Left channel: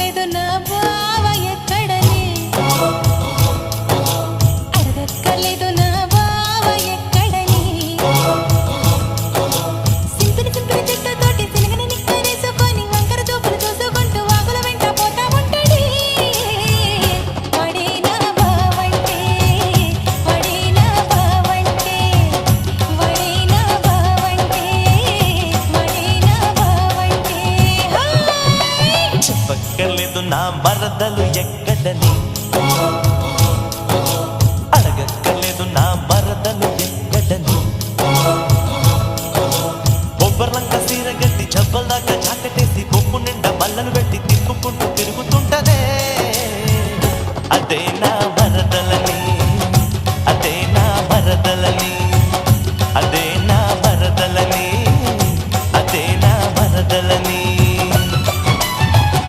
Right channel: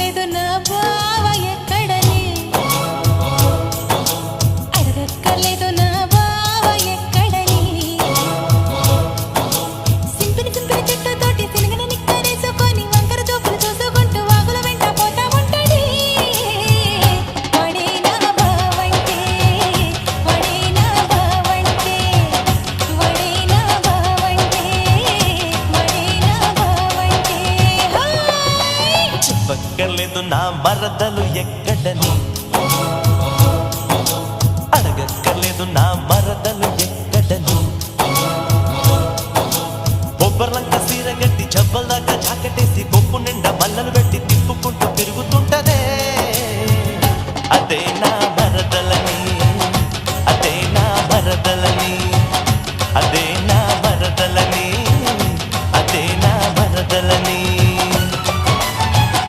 అడగక్కర్లేదు నా బావ ఎక్కడని, అడగక్కర్లేదు నా బావ ఎక్కడని. సింపిని సింపిని చెట్టుతోటి సినగన నిక్కరేసుకొని వంకర చూపులు చూసుకుంటూ వాగుల వెంట పోతా ఉంటాడే. వాడే నా బావంటే, వాడే నా బావంటే, వాడే నా బావంటే, వాడే నా బావంటే. చెప్పక్కర్లేదు నా మరదలు ఎక్కడని, అడగక్కర్లేదు నా మరదలు ఎక్కడని. బొబ్బర్లంక సీర గట్టి జబ్బల్దాకా జాకెటేసి కొప్పు నిండా మల్లలు పెట్టి తిప్పుకుంటూ తిరుగుతుంటదే.